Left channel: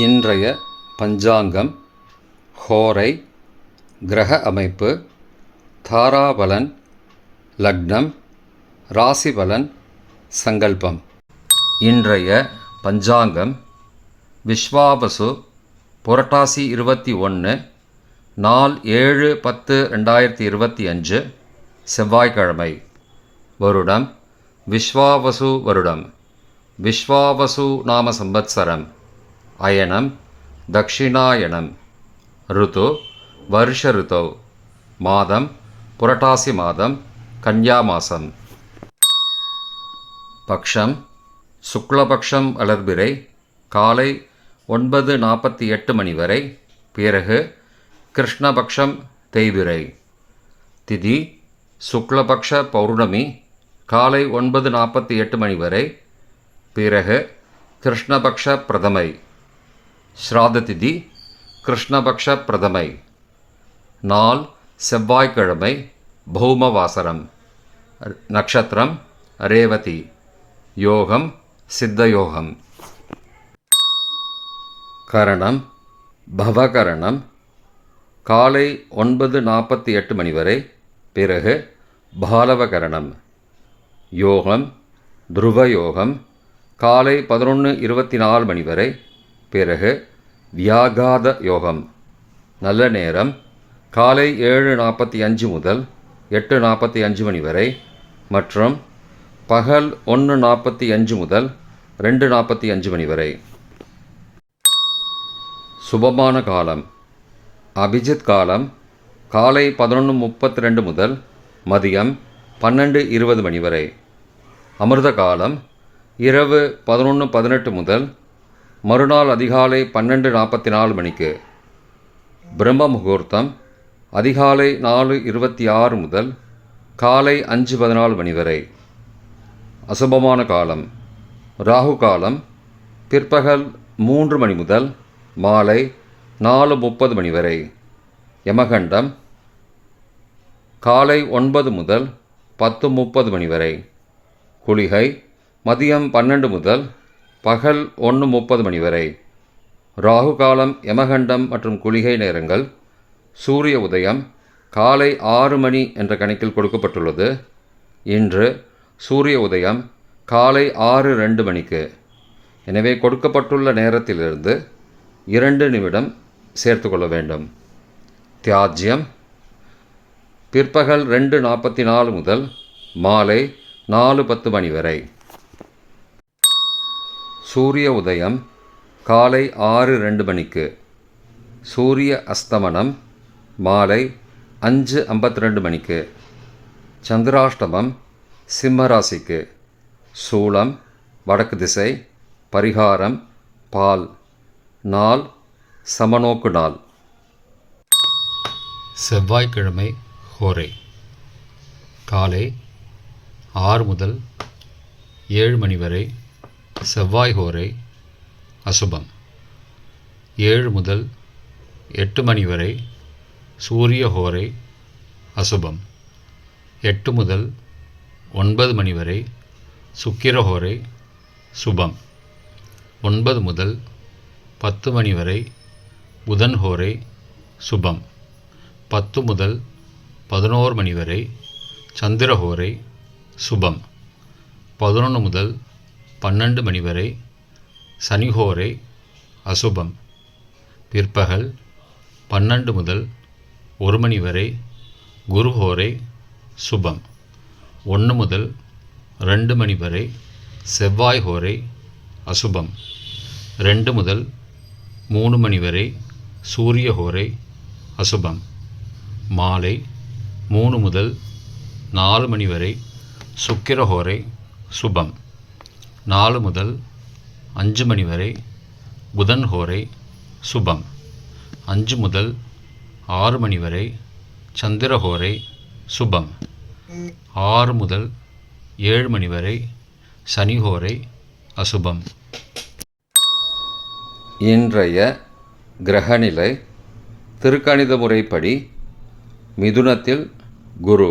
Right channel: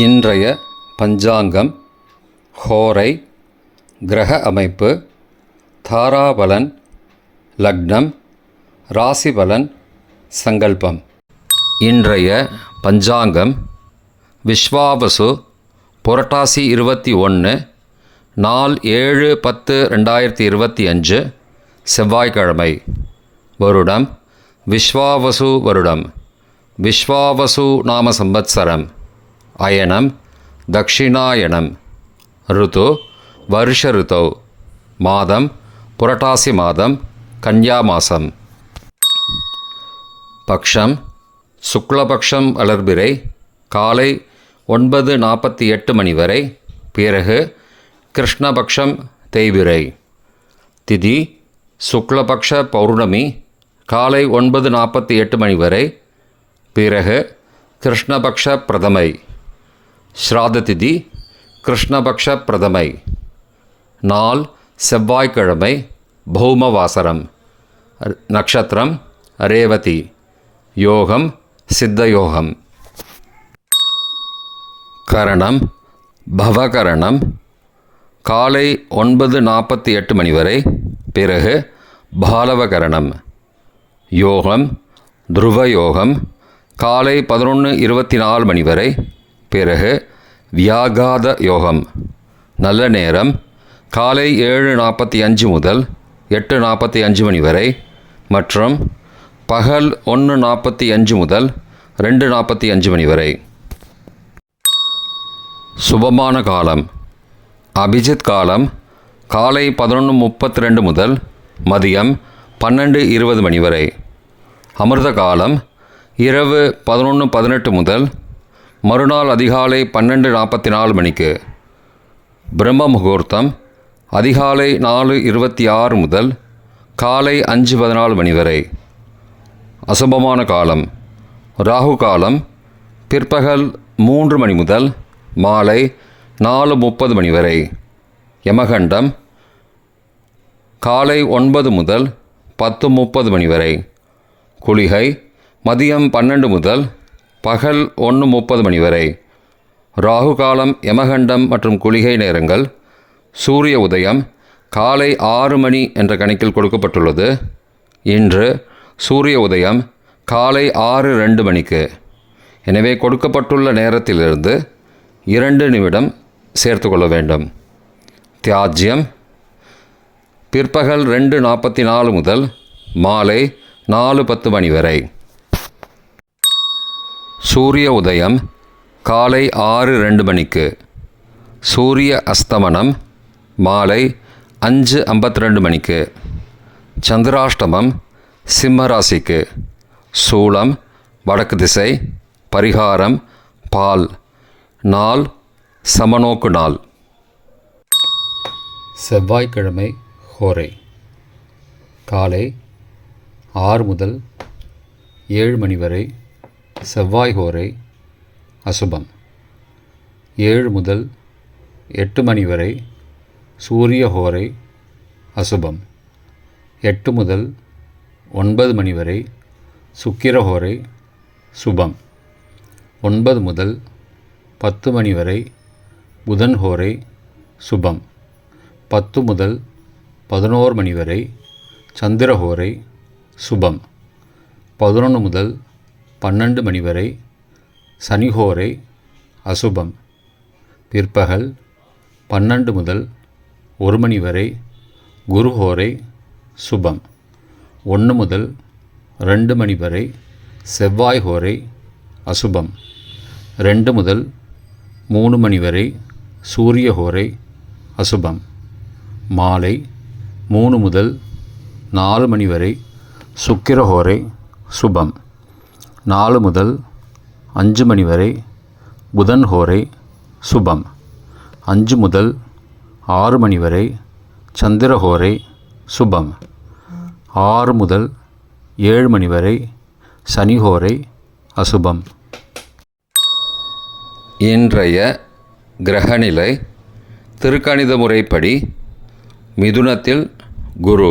இன்றைய பஞ்சாங்கம், ஹோரை, கிரக அமைப்பு, தாராபலன், லக்னம், ராசிபலன், சங்கல்பம். இன்றைய பஞ்சாங்கம் விஸ்வாவசு புரட்டாசி 21 நாள் 7/10/2025 செவ்வாய்க்கிழமை. வருடம் விஸ்வாவசு வருடம். விஸ்வாவசு நாம சம்பத்சரம். அயனம் தக்ஷிணாயனம். ருது வருஷ ருதோ. மாதம் புரட்டாசி மாதம், கன்யா மாதம். பக்ஷம் சுக்லபக்ஷம் வளர்பிறை காலை 9:48 மணி வரை, பிறகு கிருஷ்ணபக்ஷம் தேய்பிறை. திதி சுக்லபக்ஷ பௌர்ணமி காலை 9:48 மணி வரை, பிறகு கிருஷ்ணபக்ஷ பிரதமை. ஸ்ராத திதி கிருஷ்ணபக்ஷ பிரதமை. நாள் செவ்வாய்க்கிழமை, பௌமவாசரம். நட்சத்திரம் ரேவதி. யோகம் சித்தயோகம். கரணம் பவகரணம் காலை 9:48 மணி வரை, பிறகு பாலவகரணம். யோகம் துருவயோகம் காலை 11:24 மணி வரை, பிறகு வியாகாத யோகம். நல்ல நேரம் காலை 7:45 முதல் 8:45 மணி வரை மற்றும் பகல் 1:45 முதல் 2:45 மணி வரை. சுபமான காலம் அபிஜித் காலம் காலை 11:32 முதல் மதியம் 12:20 மணி வரை. அமிர்த காலம் இரவு 11:18 முதல் மறுநாள் அதிகாலை 12:44 மணிக்கு. பிரம்ம முகூர்த்தம் அதிகாலை 4:26 முதல் காலை 5:14 மணி வரை. அசுபமான காலம் ராகு காலம் பிற்பகல் 3 மணி முதல் மாலை 4:30 மணி வரை. யமகண்டம் காலை 9 முதல் 10:30 மணி வரை. குளிகை மதியம் 12 முதல் பகல் 1:30 மணி வரை. ராகு காலம், யமகண்டம் மற்றும் குளிகை நேரங்கள். சூரிய உதயம் காலை 6 மணி என்ற கணக்கில் கொடுக்கப்பட்டுள்ளது. இன்று சூரிய உதயம் காலை 6:02 மணிக்கு. எனவே கொடுக்கப்பட்டுள்ள நேரத்திலிருந்து 2 நிமிடம் சேர்த்து கொள்ள வேண்டும். தியாஜ்யம் பிற்பகல் 2:44 முதல் மாலை 4:10 மணி வரை. சூரிய உதயம் காலை 6:02 மணிக்கு. சூரிய அஸ்தமனம் மாலை 5:52 மணிக்கு. சந்திராஷ்டமம் சிம்ம ராசிக்கு. சூலம் வடக்கு திசை. பரிகாரம் பால். நாள் சமநோக்கு நாள். செவ்வாய்க்கிழமை ஹோரை காலை 6 முதல் 7 மணி வரை செவ்வாய் ஹோரை அசுபம். 7 முதல் 8 மணி வரை சூரிய ஹோரை அசுபம். 8 முதல் 9 மணி வரை சுக்கிர ஹோரை சுபம். 9 முதல் 10 மணி வரை புதன் ஹோரை சுபம். 10 முதல் 11 மணி வரை சந்திர ஹோரை சுபம். 11 முதல் 12 மணி வரை சனிஹோரை அசுபம். பிற்பகல் 12 முதல் 1 மணி வரை குருஹோரை சுபம். 1 முதல் 2 மணி வரை செவ்வாய் ஹோரை அசுபம். 2 முதல் 3 மணி வரை சூரிய ஹோரை அசுபம். மாலை 3 முதல் 4 மணி வரை சுக்கிர ஹோரை சுபம். 4 முதல் 5 மணி வரை புதன் ஹோரை சுபம். 5 முதல் 6 மணி வரை சந்திர ஹோரை சுபம். 6 முதல் 7 மணி வரை சனி ஹோரை அசுபம். இன்றைய கிரகநிலை திருக்கணித முறைப்படி மிதுனத்தில் குரு,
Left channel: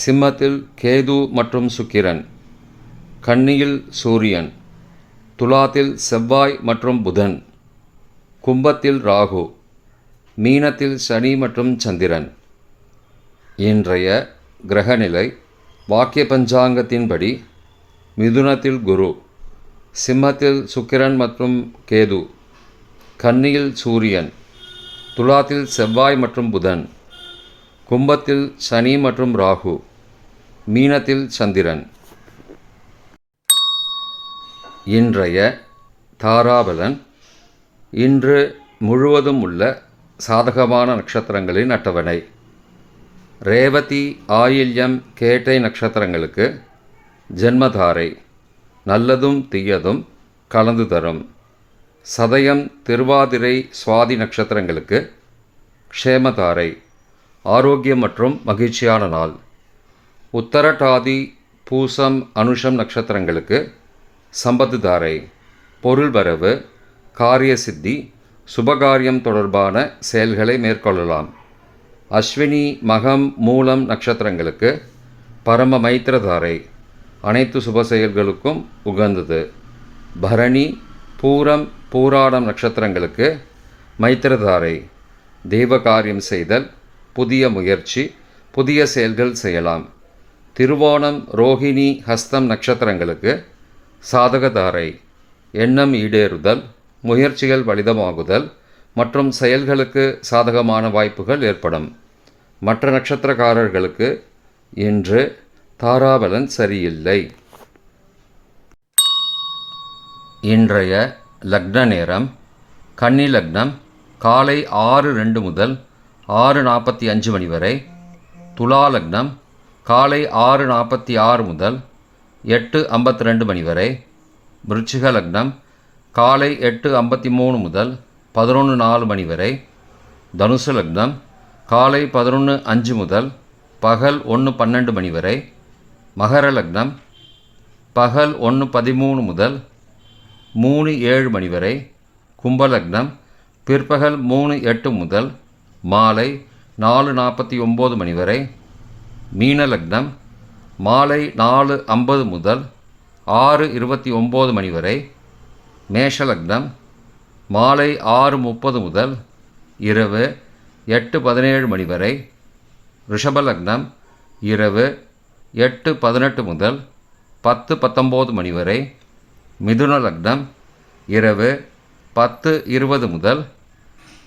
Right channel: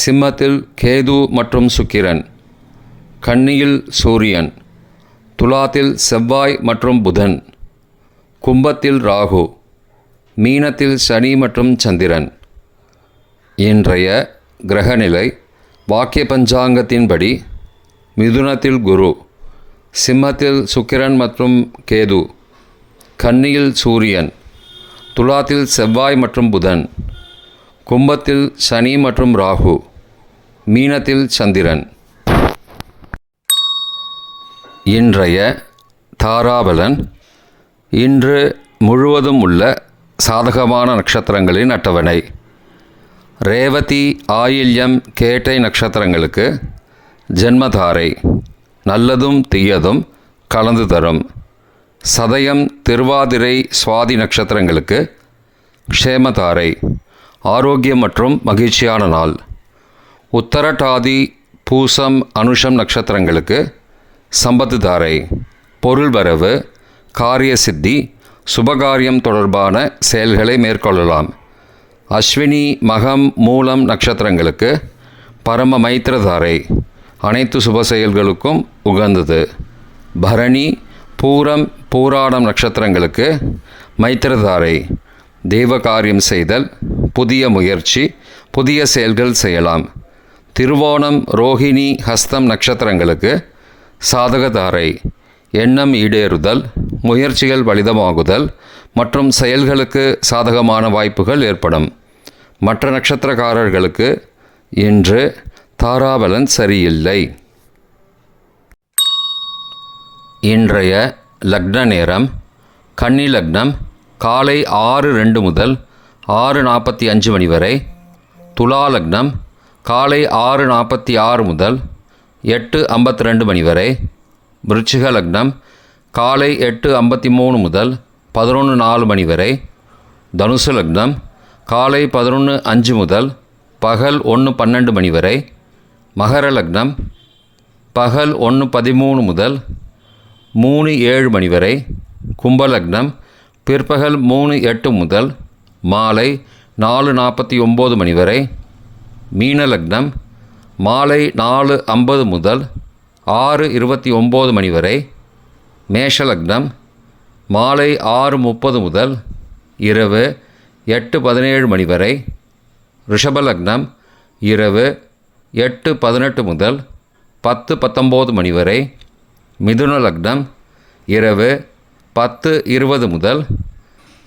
சிம்மத்தில் கேது மற்றும் சுக்கிரன், கன்னியில் சூரியன், துலாத்தில் செவ்வாய் மற்றும் புதன், கும்பத்தில் ராகு, மீனத்தில் சனி மற்றும் சந்திரன். இன்றைய கிரகநிலை வாக்கிய பஞ்சாங்கத்தின்படி மிதுனத்தில் குரு, சிம்மத்தில் சுக்கிரன் மற்றும் கேது, கன்னியில் சூரியன், துலாத்தில் செவ்வாய் மற்றும் புதன், கும்பத்தில் சனி மற்றும் ராகு, மீனத்தில் சந்திரன். இன்றைய தாராபலன். இன்று முழுவதும் உள்ள சாதகமான நட்சத்திரங்களின் அட்டவணை. ரேவதி, ஆயில்யம், கேட்டை நட்சத்திரங்களுக்கு ஜென்மதாரை, நல்லதும் தீயதும் கலந்து தரும். சதயம், திருவாதிரை, சுவாதி நட்சத்திரங்களுக்கு க்ஷேமதாரை, ஆரோக்கியம் மற்றும் மகிழ்ச்சியான நாள். உத்தரட்டாதி, பூசம், அனுஷம் நட்சத்திரங்களுக்கு சம்பத்து தாரை, பொருள் வரவு, காரிய சித்தி, சுபகாரியம் தொடர்பான செயல்களை மேற்கொள்ளலாம். அஸ்வினி, மகம், மூலம் நட்சத்திரங்களுக்கு பரம மைத்திரதாரை, அனைத்து சுப செயல்களுக்கும் உகந்தது. பரணி, பூரம், பூராடம் நட்சத்திரங்களுக்கு மைத்திரதாரை, தெய்வ காரியம் செய்தல், புதிய முயற்சி, புதிய செயல்கள் செய்யலாம். திருவோணம், ரோஹிணி, ஹஸ்தம் நட்சத்திரங்களுக்கு சாதகதாரை, எண்ணம் ஈடேறுதல், முயற்சிகள் பலிதமாகுதல் மற்றும் செயல்களுக்கு சாதகமான வாய்ப்புகள் ஏற்படும். மற்ற நட்சத்திரக்காரர்களுக்கு இன்று தாராபலன் சரியில்லை. இன்றைய லக்ன நேரம். கன்னி லக்னம் காலை 6:02 முதல் 6:45 மணி வரை. துலா லக்னம் காலை 6:46 முதல் 8:52 மணி வரை. விருச்சிக லக்னம் காலை 8:53 முதல் 11:04 மணி வரை. தனுசு லக்னம் காலை 11:05 முதல் பகல் 1:12 மணி வரை. மகர லக்னம் பகல் 1:13 முதல் 3:07 மணி வரை. கும்பலக்னம் பிற்பகல் 3:08 முதல் மாலை 4:49 மணி வரை. மீன லக்னம் மாலை 4:50 முதல் 6:29 மணி வரை. மேஷ லக்னம் மாலை 6:30 முதல் இரவு 8:17 மணி வரை. ரிஷப லக்னம் இரவு 8:18 முதல் 10:19 மணி வரை. மிதுன லக்னம் இரவு 10:20 முதல்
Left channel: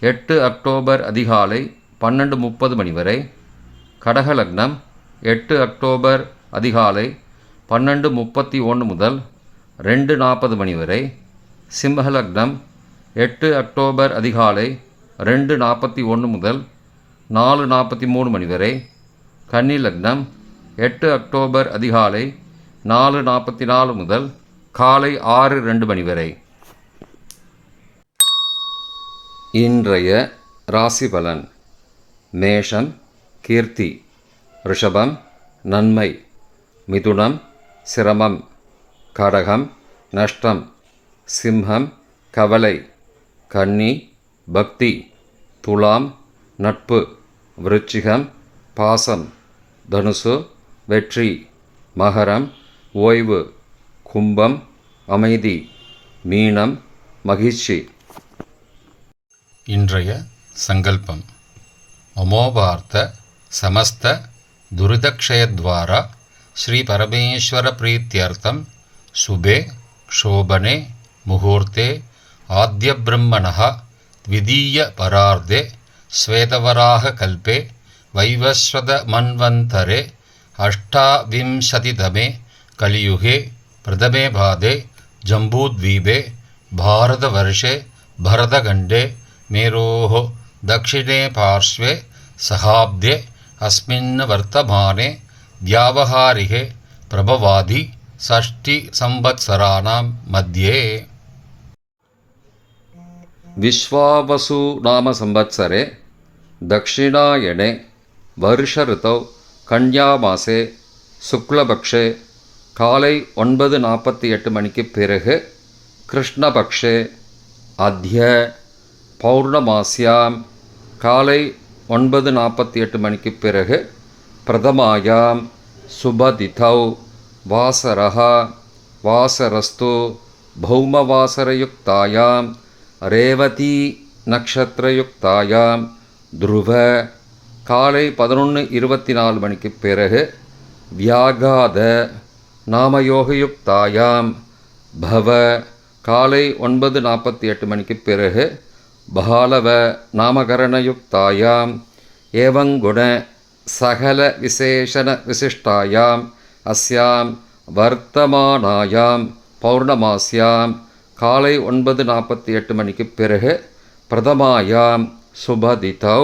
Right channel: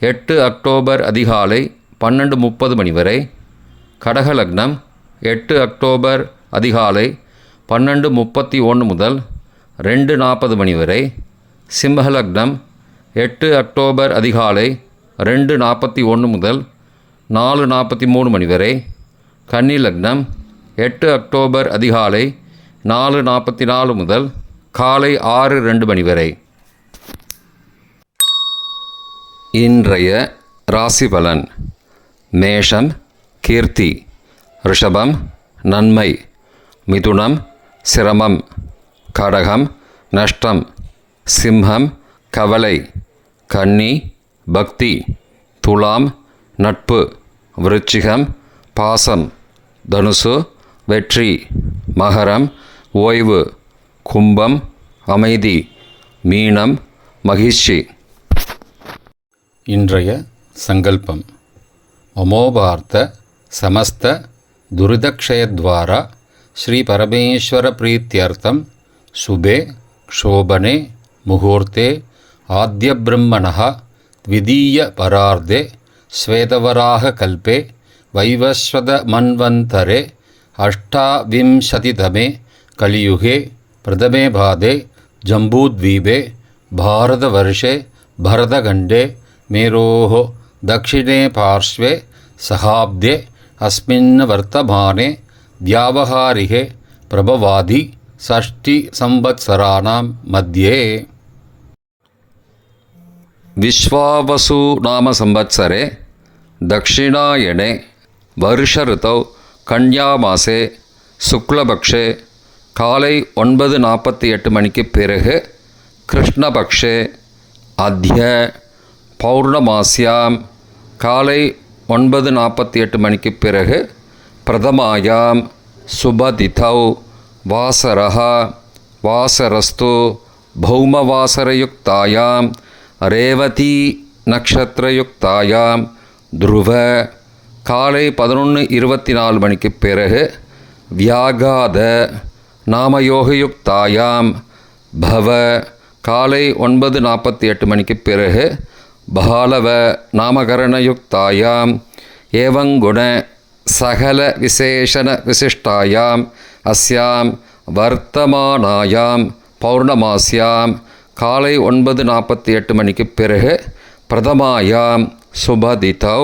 8 அக்டோபர் அதிகாலை 12:30 மணி வரை. கடக லக்னம் 8 அக்டோபர் அதிகாலை 12:31 முதல் 2:40 மணி வரை. சிம்ம லக்னம் 8 அக்டோபர் அதிகாலை 2:41 முதல் 4:43 மணி வரை. கன்னி லக்னம் 8 அக்டோபர் அதிகாலை 4:44 முதல் காலை 6:02 மணி வரை. இன்றைய ராசி பலன். மேஷம் கீர்த்தி, ரிஷபம் நன்மை, மிதுனம் சிரமம், கடகம் நஷ்டம், சிம்மம் கவலை, கன்னி பக்தி, துலாம் நட்பு, விருச்சிகம் பாசம், தனுசு வெற்றி, மகரம் ஓய்வு, கும்பம் அமைதி, மீனம் மகிழ்ச்சி. இன்றைய சங்கல்பம். அமோபார்த்த சமஸ்த துரிதக்ஷயத்வாரா ஸ்ரீ பரமேஸ்வர பிரீத்யர்த்தம் சுபே க்ஷோபனே முகூர்த்தே ஆத்ய பிரம்மணः த்விதீய பரார்த்தே ஸ்வேதவராக கல்பே வைவஸ்வத மன்வந்தரே அஷ்டாவிம்சதிதமே கலியுகே பிரதமே பாதே ஜம்பூத்வீபே பாரதவர்ஷே பரதகண்டே மேரோः दक्षिणे पार्श्वे सहाब्दे अस्मिन् वर्तमाने व्यावहारिके प्रभवादि षष्टिसंवत्सराणां मध्ये. विश्वावसु नाम संवत्सरे दक्षिणायने वर्षऋतौ कन्यामासे शुक्लपक्षे காலை 9:48 மணிக்கு பிறகு கிருஷ்ணபக்ஷே அத்ய பௌர்ணமாஸ்யாம் காலை 9:48 மணிக்கு பிறகு பிரதமாயாம் சுபதிதௌ வாசரஹ வாசரஸ்து பௌமவாசரயுக்தாயாம் ரேவதி நக்ஷத்திரயுக்தாயாம் துருவ காலை 11:24 மணிக்கு பிறகு வியாகாத நாமயோகயுக்தாயாம் பவ காலை 9:48 மணிக்கு பிறகு பாலவ நாமகரணயுக்தாயாம் ஏவங்குண சகல விசேஷண விசிஷ்டாயாம் அஸ்யாம் வர்த்தமானாயாம் பௌர்ணமாஸ்யாம் காலை 9:48 மணிக்கு பிறகு பிரதமாயாம் சுபதிதௌ.